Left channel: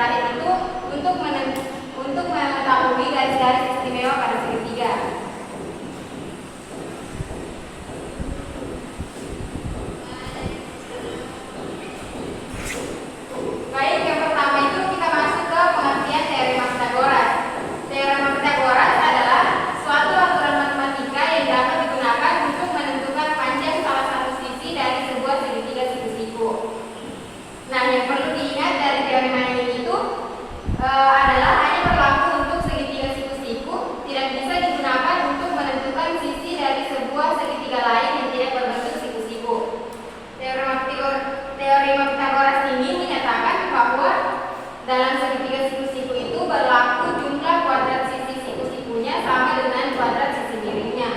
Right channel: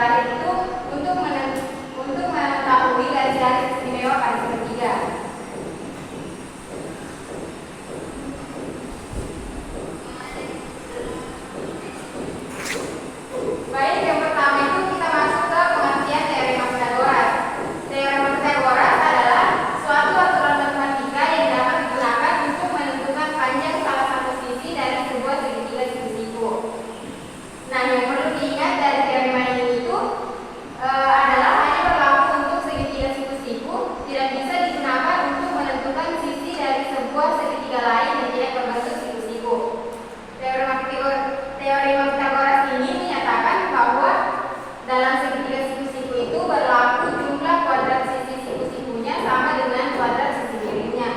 terakhir itu untuk mengetahui garis-garis istimewa pada segitiga. Baik, yang pertama itu kita masuk ke pengertian teorema Pythagoras. Teorema Pythagoras adalah suatu aturan matematika yang dapat digunakan untuk menentukan panjang salah satu sisi dari sebuah segitiga siku-siku. Nah, yang perlu diingat dari teorema ini itu adalah hanya berlaku untuk segitiga siku-siku, tidak bisa digunakan untuk menentukan sisi dari sebuah segitiga lain yang tidak berbentuk siku-siku. Teorema Pythagoras ini menyatakan bahwa dalam segitiga siku-siku itu berlaku jumlah kuadrat sisi siku-sikunya sama dengan kuadrat sisi miringnya.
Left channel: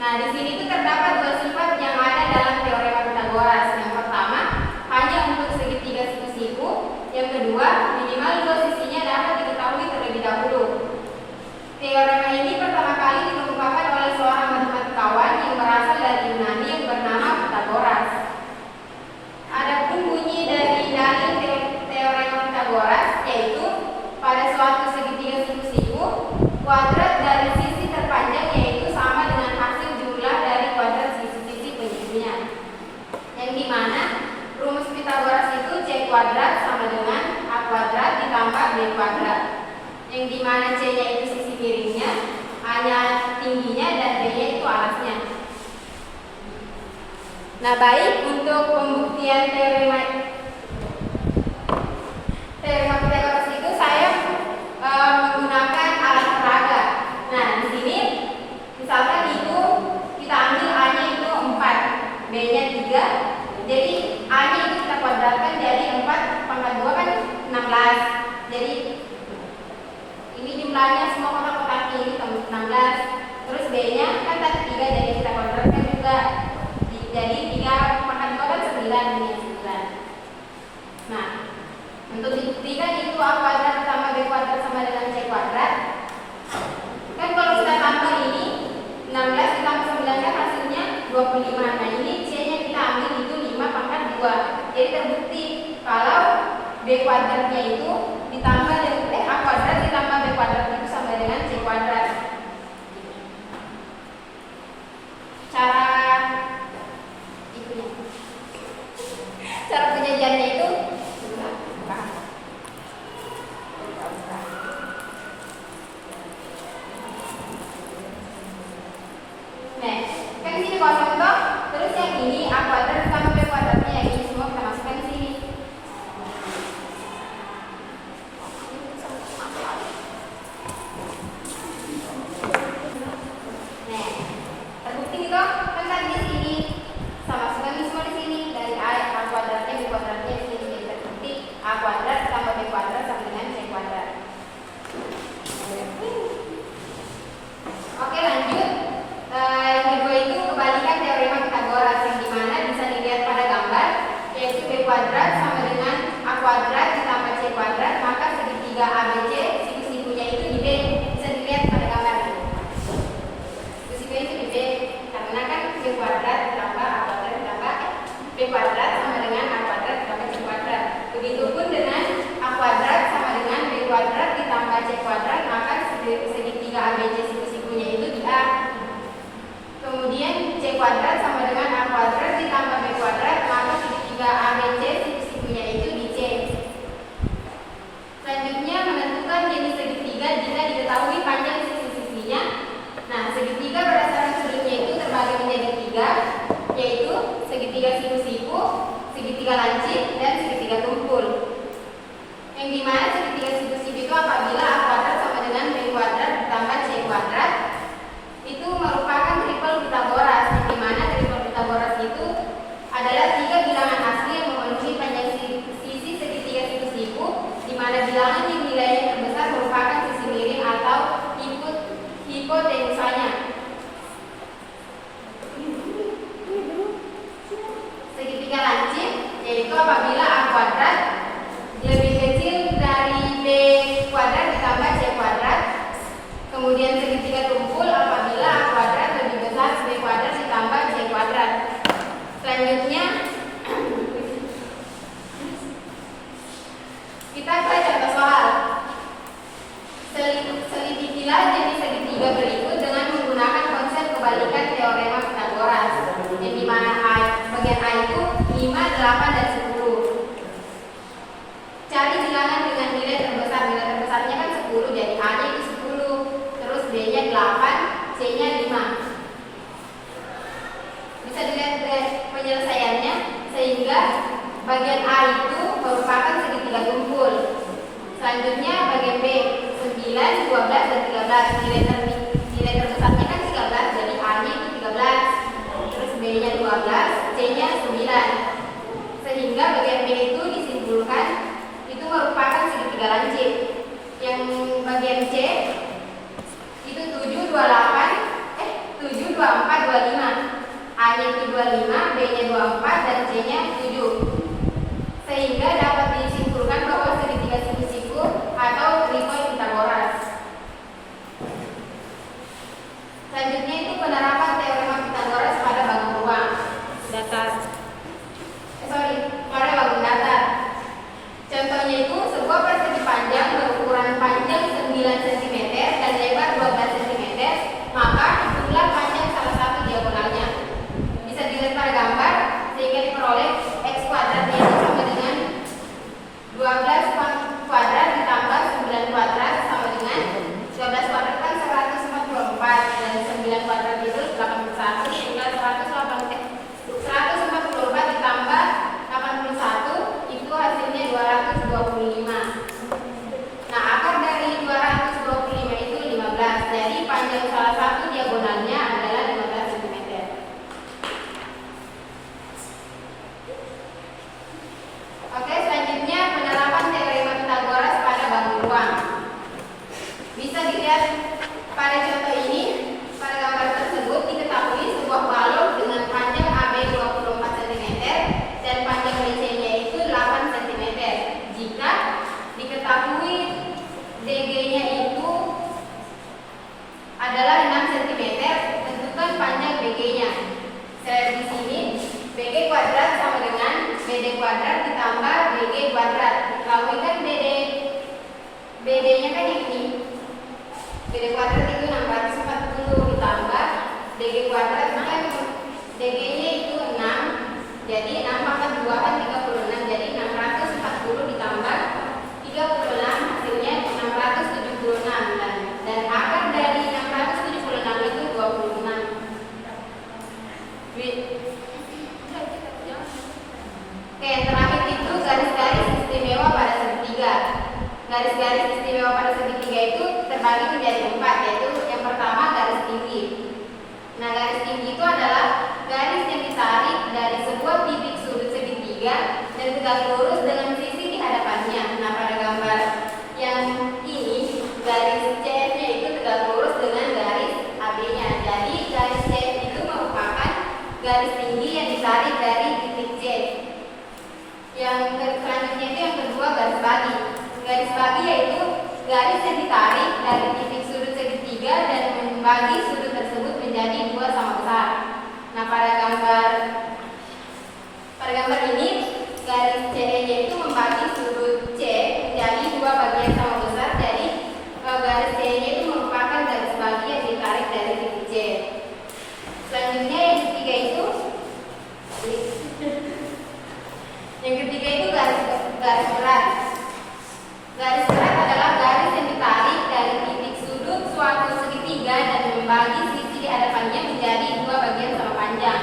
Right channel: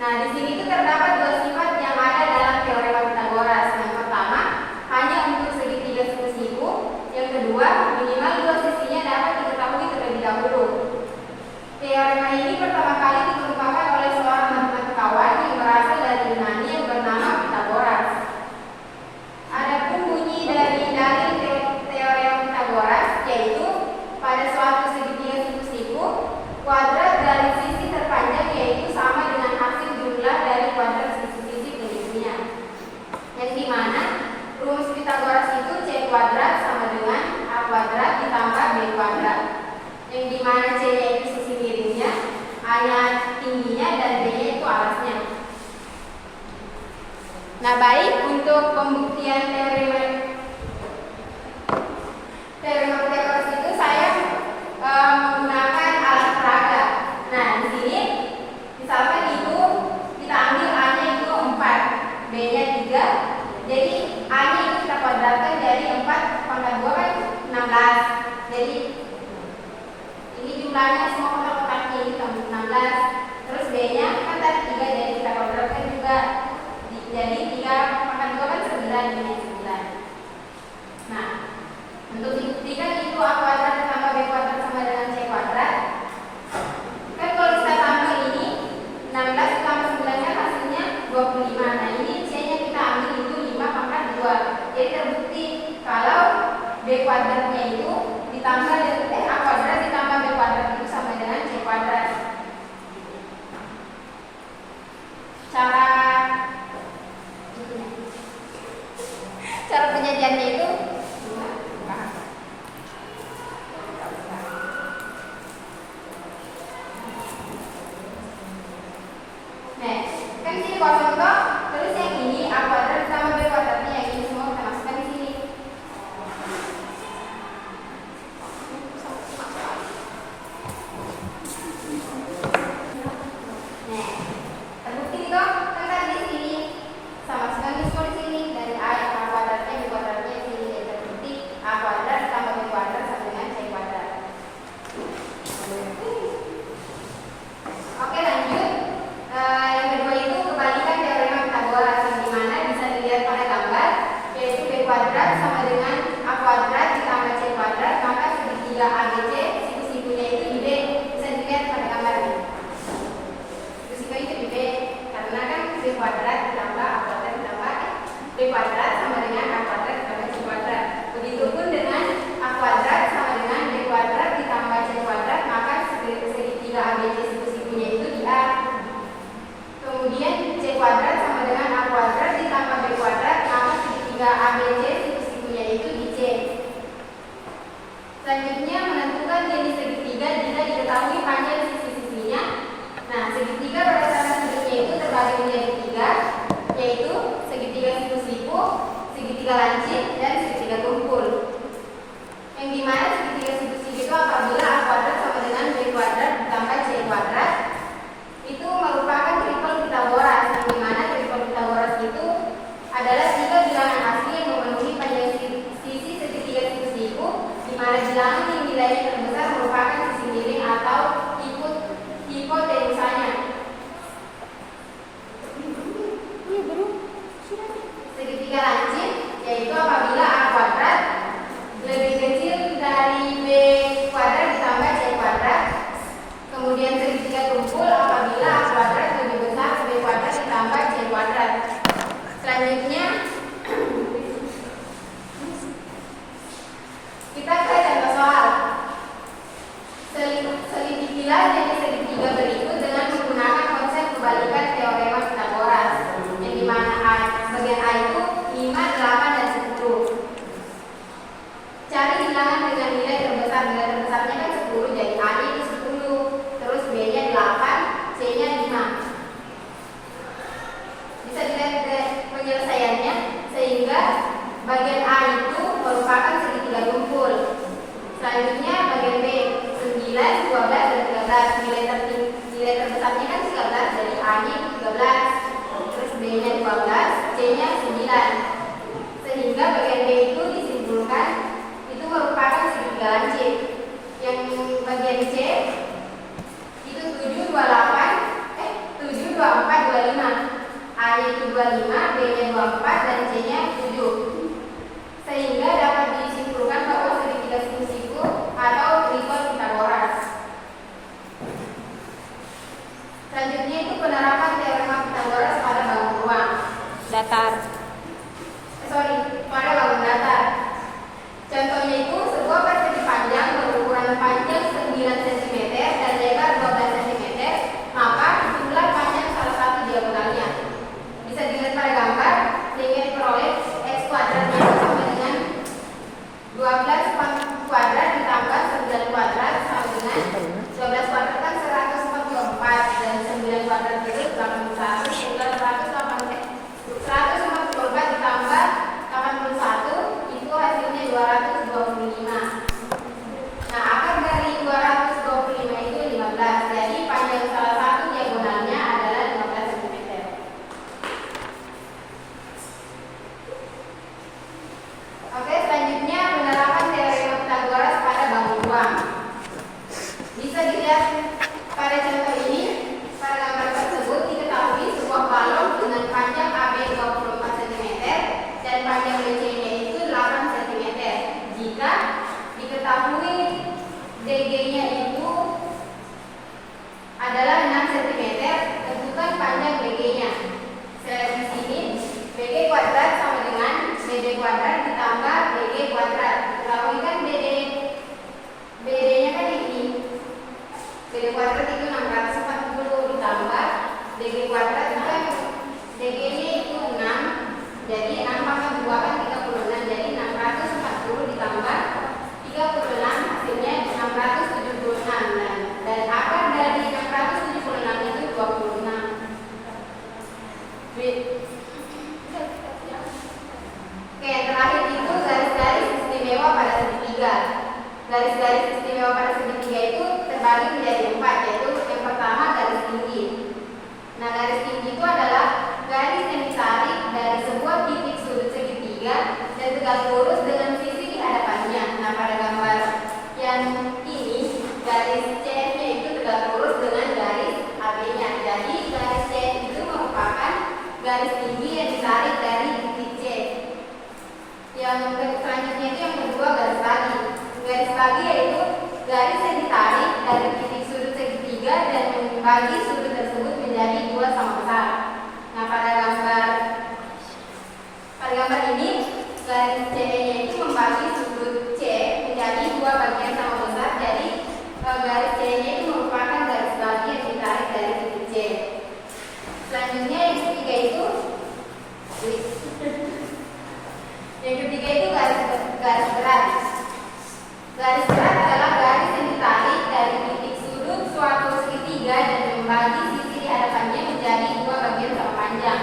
Nah, di sini itu terdapat dua sifat yang ada dalam teorema Pythagoras. Yang pertama, hanya untuk segitiga siku-siku. Yang kedua, minimal dua sisinya dapat diketahui terlebih dahulu. Teorema ini pertama kali dikemukakan oleh seorang matematikawan yang berasal dari Yunani yang bernama Pythagoras. Adapun bunyi dari dalil teorema Pythagoras yaitu pada suatu segitiga siku-siku, kuadrat dari sisi terpanjang yaitu sama dengan hasil jumlah dari kuadrat sisi-sisi penyisinya. Yang dimana rumus Pythagoras itu C kuadrat sama dengan A kuadrat ditambah B kuadrat. Yang dimana C-nya itu sisi miringnya, A-nya tingginya, dan B-nya itu alasnya. Nah, baik, untuk pembuktian teorema Pythagoras itu saya menggunakan alat peraga. Nah, di sini misalkan itu kita ambil A-nya itu 4, B-nya 3. Jadi A-nya itu kita kuadratkan jadi 4 pangkat 2 kan 16. Jadi ini jumlahnya semua kotak-kotaknya ini 16. Terus B-nya kan tadi 3, jadi kita kuadratkan juga. Jadi 3 pangkat 2 kan 9, ini 9. Nah, untuk dibuktikan itu A kuadrat ditambah B kuadrat sama dengan C kuadrat. Kan kalau kita tambah ini 16 ditambah 9 kan hasilnya 25. Nah, ini C-nya kita ambil itu 5 pangkat 2. Jadi terbukti kalau B kuadratnya itu ditambah A kuadrat ditambah B kuadrat itu sama dengan C kuadrat. Cara penyajiannya itu nah, kan di sini kosong toh, terus yang ini A kuadrat ditambah B kuadratnya, yang ini semua kita masukkan di sini. Nah, terbukti toh, kan tadi di sini sama masukkan ini semua di sini dari A kuadratnya B kuadratnya di sini, jadi terbukti A kuadrat ditambah B kuadrat sama dengan C kuadrat. Oke, lanjut. Yang kedua itu kebalikan teorema Pythagoras, yang dimana bisa dilihat pada gambar, yaitu B kuadrat sama dengan A kuadrat ditambah C kuadrat, maka segitiga ABC siku-sikunya itu di B, bisa dilihat pada gambar ini. Siku-sikunya itu di B, karena kan B kuadrat ditambah A kuadrat ditambah B kuadrat sama dengan A kuadrat ditambah C kuadrat. Begitupun dengan A kuadrat sama dengan B kuadrat ditambah C kuadrat, maka segitiga ABC siku-sikunya itu di A. Kemudian C kuadrat sama dengan A kuadrat ditambah B kuadrat, maka segitiga ABC siku-sikunya itu di C. Selanjutnya menentukan jenis segitiga jika diketahui panjang sisi-sisinya. Nah, segitiga berdasarkan sudutnya itu terbagi menjadi 3, yaitu segitiga siku-siku, segitiga lancip, dan segitiga tumpul. Yang dimana segitiga siku-siku itu apabila A kuadrat sama dengan B kuadrat ditambah C kuadrat itu merupakan triple Pythagoras, di mana triple Pythagoras itu adalah 3 bilangan asli yang memenuhi panjang sisi segitiga siku-siku, di mana bilangan yang nilainya terbesar merupakan sisi miring atau hipotenusanya. Segitiga lancip yaitu apabila A kuadrat lebih kecil dari B kuadrat ditambah C kuadrat. Kemudian segitiga tumpul apabila A kuadrat lebih besar B kuadrat ditambah C kuadrat. Selanjutnya kita ke contoh soal. Selidikilah jenis segitiga berikut dengan menggunakan konsep kebalikan teorema Pythagoras. Yang dimana bagian A itu 5, 8, dan 10. Cari bilangan dengan nilai terbesar. Nilai terbesarnya kan 10, jadi A-nya itu 10. Terus B-nya 8, C-nya 5. Bisa dilihat dari penyelesaiannya, sehingga bagian A itu merupakan segitiga tumpul. Selanjutnya bagian B 9, 12, dan 13. Nilai terbesarnya kan 13, jadi A-nya itu 13. Terus B-nya 12, C-nya 9. Sehingga bagian B itu disimpulkan itu merupakan segitiga lancip. Yang bagian C itu 7, 24, 25. A-nya itu 25, B-nya 24, dan C-nya 7. Sehingga dapat disimpulkan bahwa segitiga siku-siku atau tripel Pythagoras. Selanjutnya itu penerapan teorema Pythagoras pada bangun ruang datar. Pada bangun datar. Contohnya itu sebuah persegi panjang berukuran panjang 9 cm dan lebar 12 cm, maka hitunglah panjang salah satu diagonalnya. Bisa dilihat pada gambar, sehingga diperoleh x kuadratnya sama dengan 12 kuadrat ditambah 9 kuadrat sama dengan 12 kuadrat kan 144, dan 9 kuadrat itu 81, sehingga 144 ditambah 81 itu hasilnya 225. Nah, akar dari 225 itu 15. Jadi panjang salah satu diagonalnya adalah 15 cm. Oke, selanjutnya penerapan teorema Pythagoras pada bangun ruang. Bisa dilihat pada contoh ini. Pada gambar tersebut diketahui sebuah balok dengan panjang AB 24 cm dan panjang BC-nya itu 8 cm. Jika diketahui DG-nya itu adalah 6 cm, tentukan panjang BG-nya. Di sini BG kuadrat sama dengan BD kuadrat ditambah BG kuadrat. Diketahui kan BD-nya kan yang ini. BD kuadrat itu 640 ditambah DG kuadrat kan DG-nya itu 6. Jadi 6 pangkat 2 kan 36. Jadi 640 ditambah 36 hasilnya 676. Dan akar dari 676 itu 26. Oke, yang terakhir itu garis-garis istimewa pada segitiga. Garis-garis istimewa pada segitiga itu terbagi menjadi 4, yaitu yang pertama garis tinggi. Nah, garis tinggi itu adalah garis yang ditarik dari sebuah titik sudut segitiga dan tegak lurus dengan sisi di hadapannya. Nah, pada gambar yang ini garis CF-nya itu tegak lurus dengan garis AB-nya. Jadi garis CF itu merupakan garis tinggi yang ditarik dari titik C. Yang selanjutnya itu yang kedua garis bagi. Garis bagi yaitu garis yang ditarik dari titik sudut segitiga dan membagi sudut tersebut menjadi dua sama besar. Nah, pada gambar ini garis CE-nya itu membagi sudut C menjadi dua bagian sama besar. Jadi garis CE-nya itu merupakan garis bagi yang ditarik dari titik C. Selanjutnya yang ketiga itu garis berat. Garis berat adalah garis yang ditarik dari titik sudut suatu segitiga dan membagi sisi di hadapannya menjadi dua bagian sama panjang.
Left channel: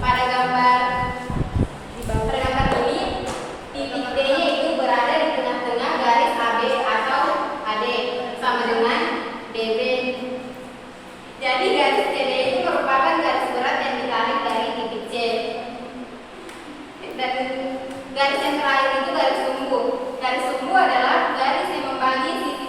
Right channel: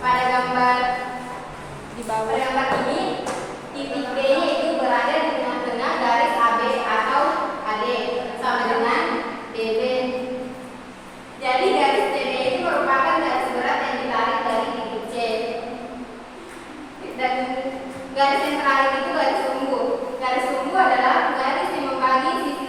Pada gambar ini titik D-nya itu berada di tengah-tengah garis AB atau AD sama dengan DB. Jadi garis CD itu merupakan garis berat yang ditarik dari titik C. Dan garis yang terakhir itu garis sumbu. Garis sumbu adalah garis yang membagi sisi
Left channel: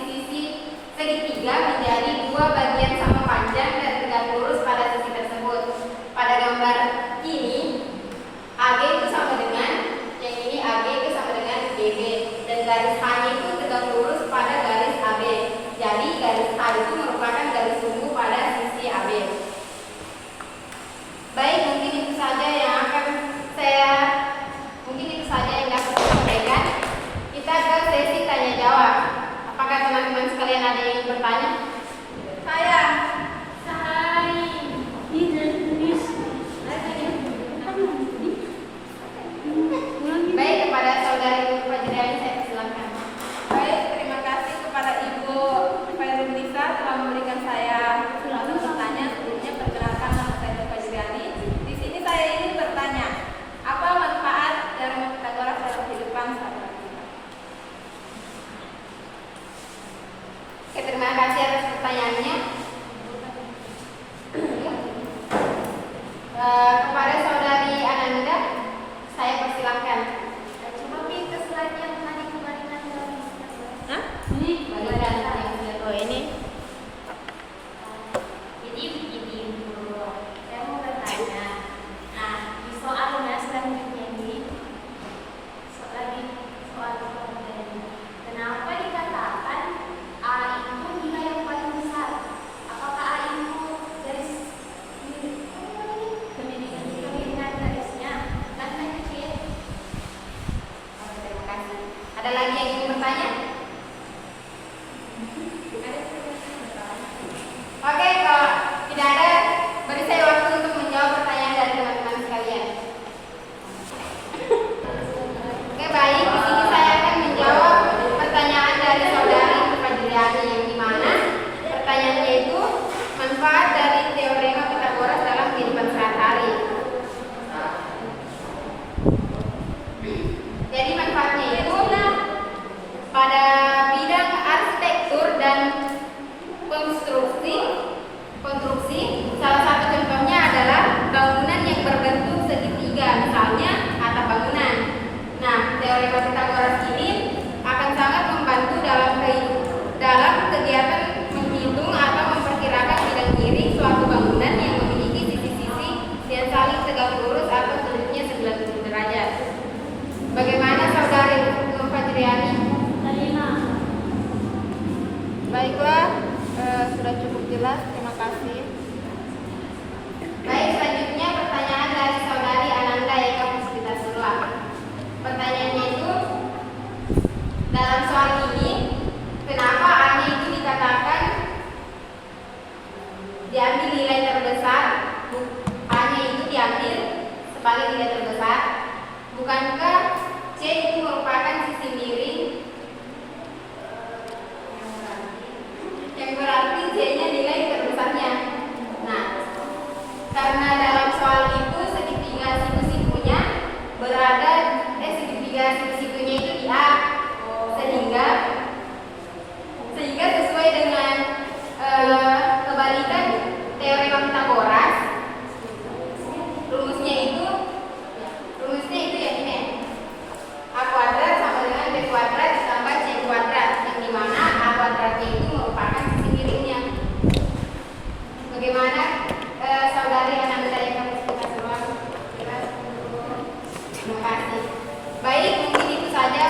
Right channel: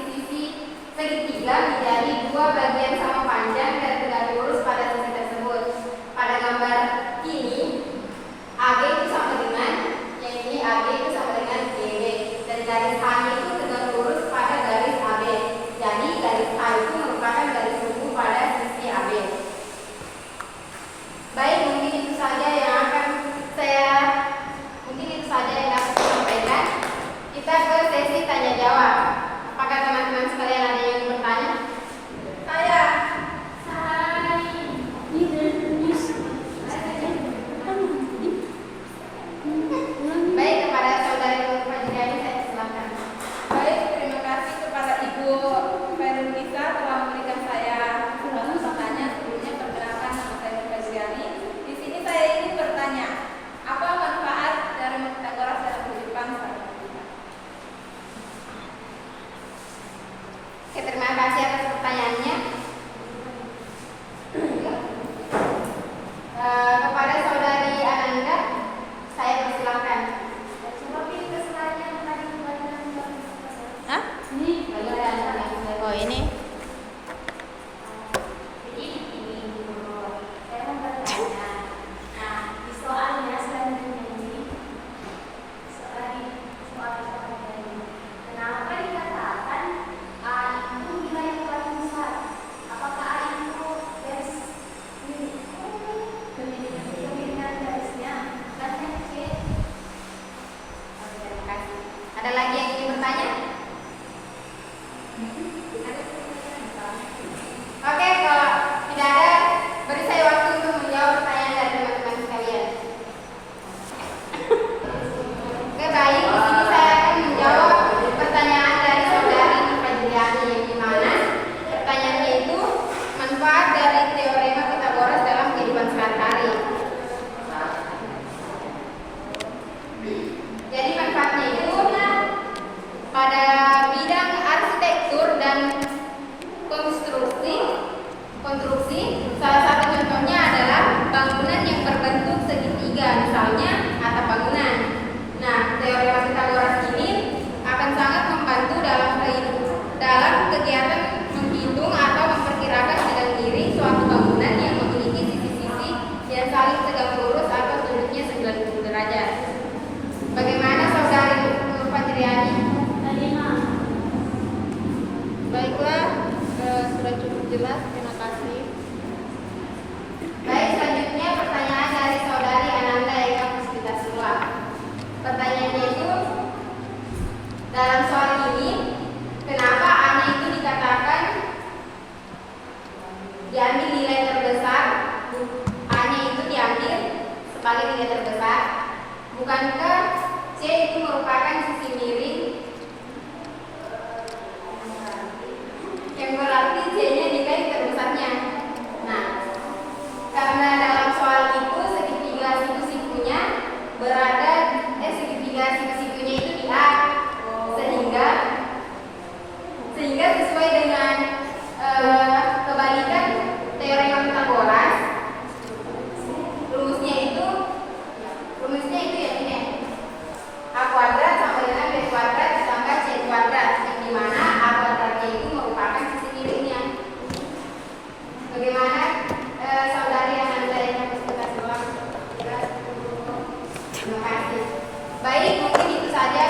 Terima kasih atas pertanyaannya. Kepada saudari Ananda, saya persilahkan. Coba pilih keselanjutnya tadi kembalikan. Hah? Ini balikan yang oh ini. Jadi begini, saya mau bertanya. Nah, di soalnya selanjutnya ini, soal tadi, kenapa dikatakan A itu nilai yang paling besar? Apakah A itu garis kemiringan garisnya kan kecil? Oke, terima kasih. Ada lagi yang ingin bertanya? Oke, kalau tidak ada, beri saya waktu untuk menjawab pertanyaan dari teman-teman sekalian. Oke, baik. Di sini saya akan menjawab pertanyaan dari saudari Fajriani yang dimana pertanyaannya itu manfaat dari teorema Pythagoras dalam kehidupan sehari-hari. Jadi manfaatnya itu pada bidang arsitektur dan konstruksi, salah satu contohnya adalah bangunan yang berbentuk segitiga, misalnya atap bangunan. Nah, teorema Pythagoras ini akan sangat membantu dalam kegiatan menghitung atau memperkirakan bidang miring suatu bangunan yang memiliki sisi-sisi yang saling tegak lurus atau sudutnya 90 derajat. Bagaimana saudari Nur Fajriani? Baiklah, sudah cukup jelas. Terima kasih. Baik, selanjutnya pertanyaan dari saudari Ananda Eka Puspita Surla. Pertanyaannya itu, dalam soal ini, kenapa A-nya itu dikatakan diambil nilai terbesar? A-nya itu diambil sebagai nilai terbesar. Bukankah C itu merupakan sisi miring yang berarti C-nya nilai terbesarnya? Nah, karena dalam soal itu segitiga siku-sikunya berada segitiga siku-sikunya itu di A, sehingga sesuai dengan kebalikan teorema Pythagoras, rumusnya itu yang ini, A kuadrat sama dengan B kuadrat ditambah C kuadrat, yang dimana A kuadratnya itu merupakan sisi miringnya. Bagaimana saudari Ananda yang kita Terima kasih. Baik, mungkin itu saja